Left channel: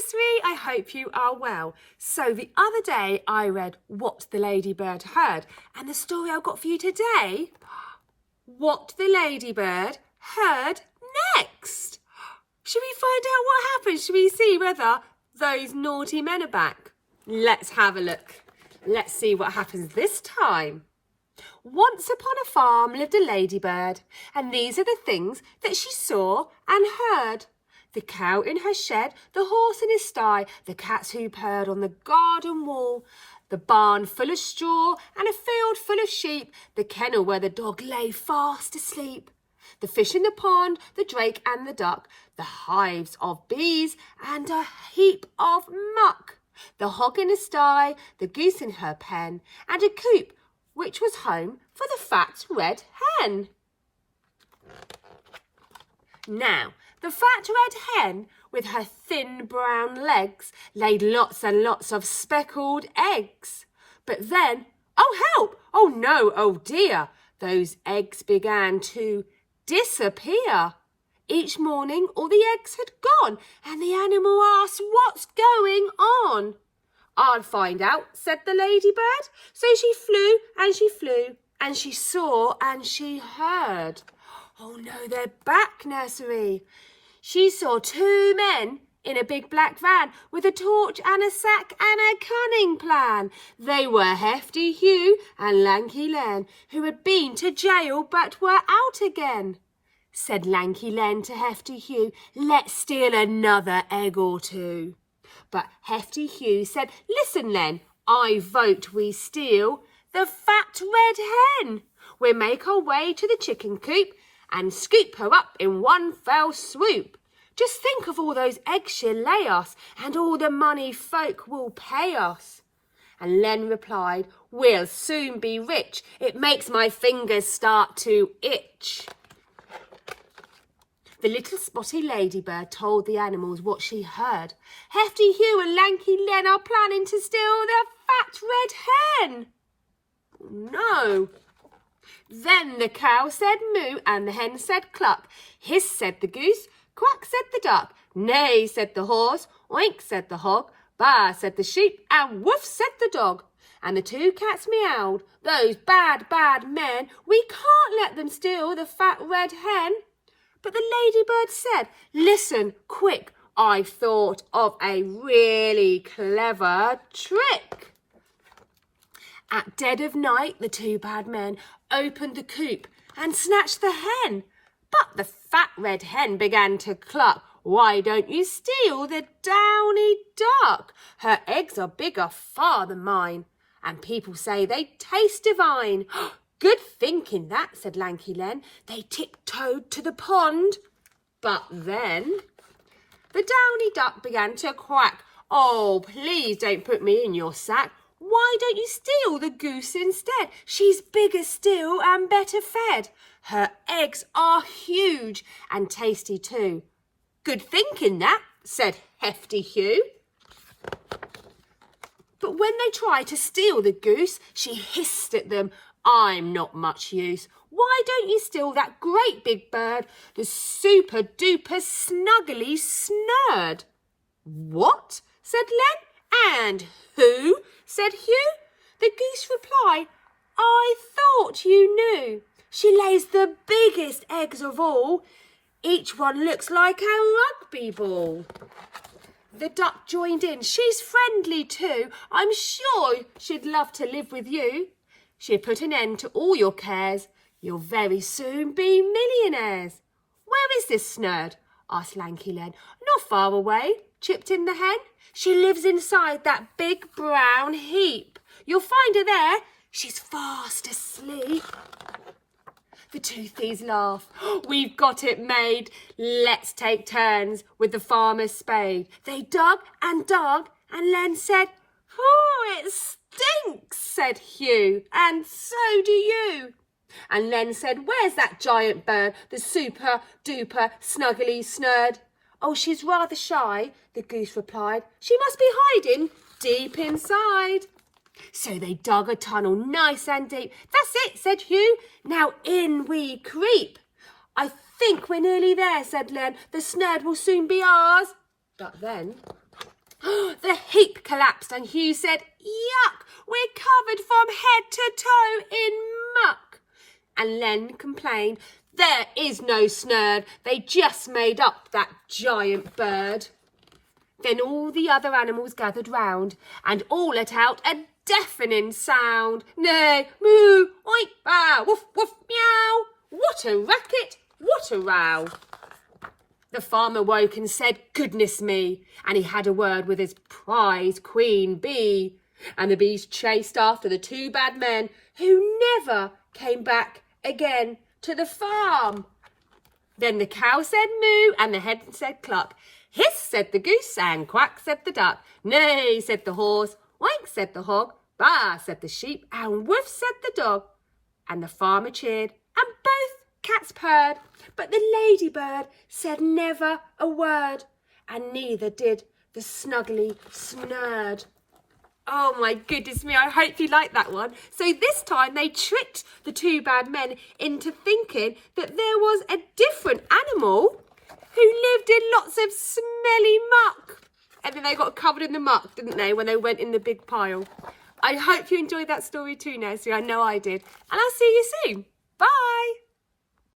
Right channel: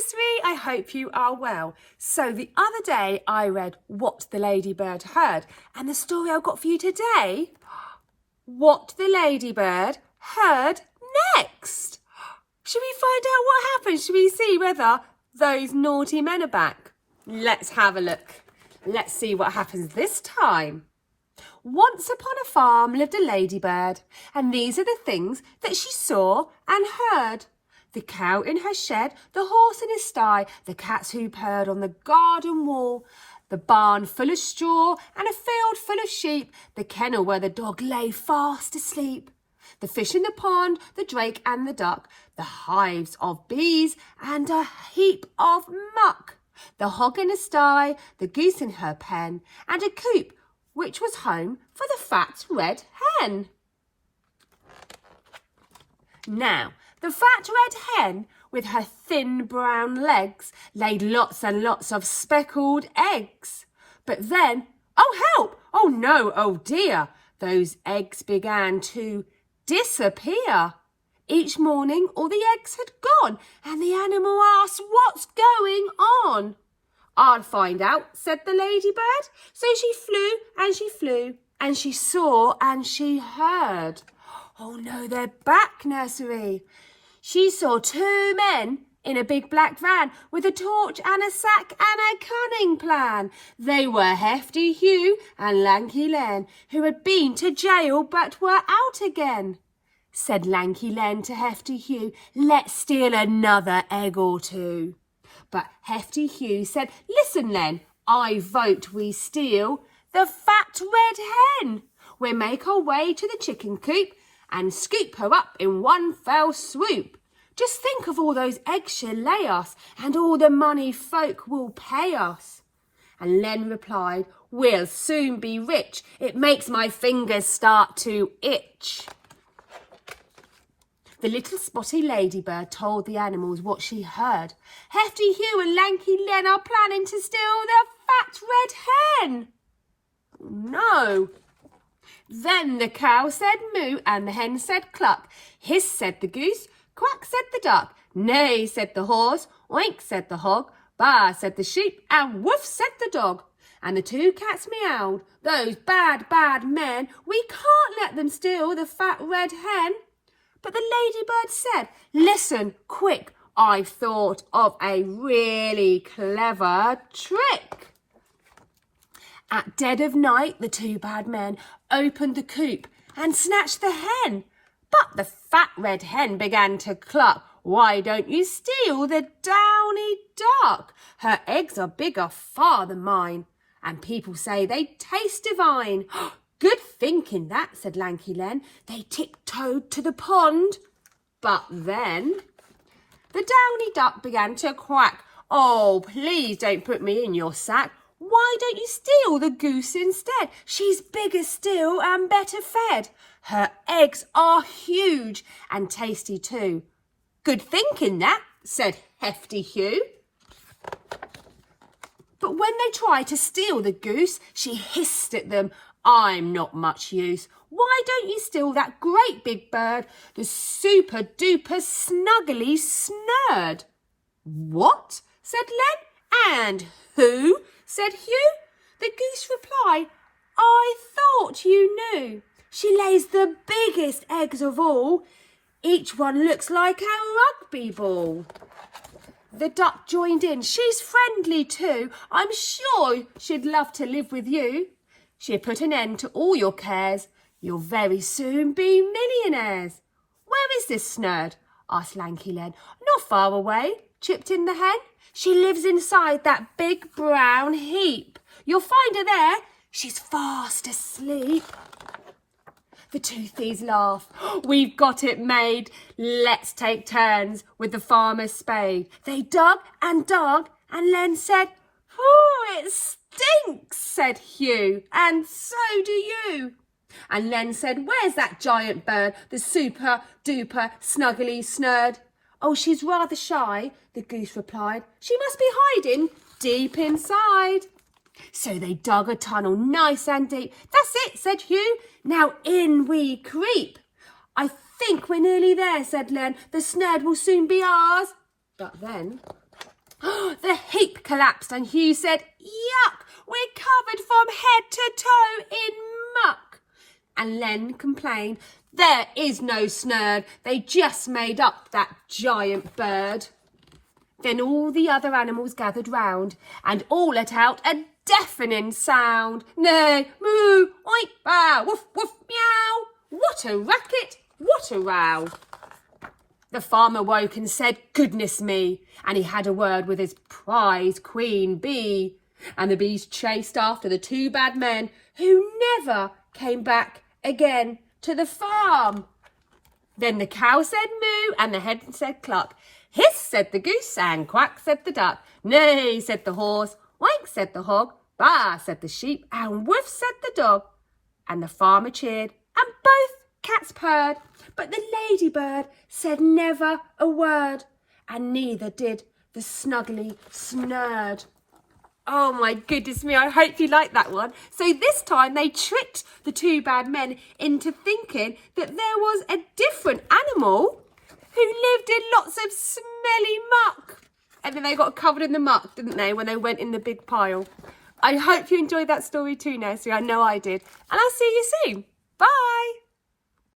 Nursery, I hope you are well. So the other day I read What the Ladybird Heard, and the story I've got for you today, What the Ladybird Heard Next. Should we find out what happened? Should we see whether those naughty men are back? Let's have a look. Let's see what happens this time. Once upon a farm lived a ladybird, and these are the things that she saw and heard. The cow in her shed, the horse in his sty, the cats who purred on the garden wall, the barn full of straw and a field full of sheep, the kennel where the dog lay fast asleep, the fish in the pond, the drake and the duck, the hives of bees and a heap of muck, the hog in a sty, the goose in her pen, and a coop which was home for the fat red hen. Now, the fat red hen, with her thin brown legs, laid lots and lots of speckled eggs. But then, oh help, oh no, oh dear, those eggs began to disappear. Each morning all the eggs had gone, and the animal asked, "What's going on?" "I'll find out," said the ladybird. So she flew and she flew, and she saw and she heard. Oh no, they're back, Nursery. She saw two men in a big black van with a torch and a sack and a cunning plan. They were Hefty Hugh and Lanky Len, who had been to jail but were out again. Said Lanky Len to Hefty Hugh, "Let's steal another egg or two." But Hefty Hugh said, "Listen, Len, I vote we steal the fat red hen. We'll make our way to the chicken coop and scoop her up in one fell swoop. Just think of all those eggs she'll lay us, and all the money folk will pay us." And Len replied, "We'll soon be rich. It makes my fingers start to itch." The little spotty ladybird told the animals what she heard. Hefty Hugh and Lanky Len are planning to steal the fat red hen. No. Then the cow said moo and the hen said cluck. Hiss said the goose, quack said the duck. Neigh said the horse, oink said the hog, baa said the sheep and woof said the dog. And the two cats meowed. "Those bad, bad men, we can't let them steal the fat red hen." But the ladybird said, "Listen, quick, I've thought of a really clever trick." At dead of night, the two bad men opened the coop and snatched the hen. But the fat red hen began to cluck. "Why don't you steal the downy duck? Her eggs are bigger far than mine, and people say they taste divine." "Good thinking that," said Lanky Len. They tiptoed to the pond. But then the downy duck began to quack. "Oh, please don't put me in your sack. Why don't you steal the goose instead? She's bigger still and better fed. Her eggs are huge and tasty too." "Good thinking that," said Hefty Hugh. But when they tried to steal the goose, she hissed at them, "I'm not much use. Why don't you steal that great big bird, the super duper snuggly snurd?" "What?" said Len. "And who?" said Hugh. The goose replied, "I thought you knew. She lays the biggest eggs of all. Each one looks like a rugby ball." The duck joined in. "She's friendly too. I'm sure she'd love to live with you. She'll put an end to all your cares. You'll very soon be millionaires." "Where is this snurd?" asked Lanky Len. "Not far away," chipped in the hen. "She lives inside that big brown heap. You'll find her there. She's fast asleep." The two thieves laughed. "We've got it made. Let's take turns with the farmer's spade." They dug and dug, and Len said, "Oh, it stinks," said Hugh, "and so do you." And Len said, "Where's that giant bird, the super duper snuggly snurd?" "Oh, she's rather shy," the goose replied. "She must be hiding deep inside." So they dug a tunnel nice and deep. "That's it," said Hugh. "Now in we creep." "I think we're nearly there," said Len. "The snurd will soon be ours." But then The heap collapsed and Hugh said, "Yuck, we're covered from head to toe in muck." And Len complained, "There is no snurd, they just made up that giant bird." Then all the other animals gathered round and all let out a deafening sound. Neigh, moo, oink, bow, woof, woof, meow. What a racket, what a row. The farmer woke and said, "Goodness me," and he had a word with his prize queen bee. And the bees chased after the two bad men who never came back again to the farm. Then the cow said moo and the hen said cluck. Hiss, said the goose, and quack, said the duck. Neigh, said the horse, oink, said the hog, baa, said the sheep, and woof, said the dog. And the farmer cheered, and both cats purred, but the ladybird said never a word, and neither did the snuggly snurd. Oh my goodness me, I hope you liked that one. So this time they tricked the two bad men into thinking that there was a different animal who lived in lots of smelly muck. And then they got covered in the muck, didn't they, when they went in the big pile. I hope you enjoyed that story too, Nursery. I know I did. And I'll see you soon. Bye.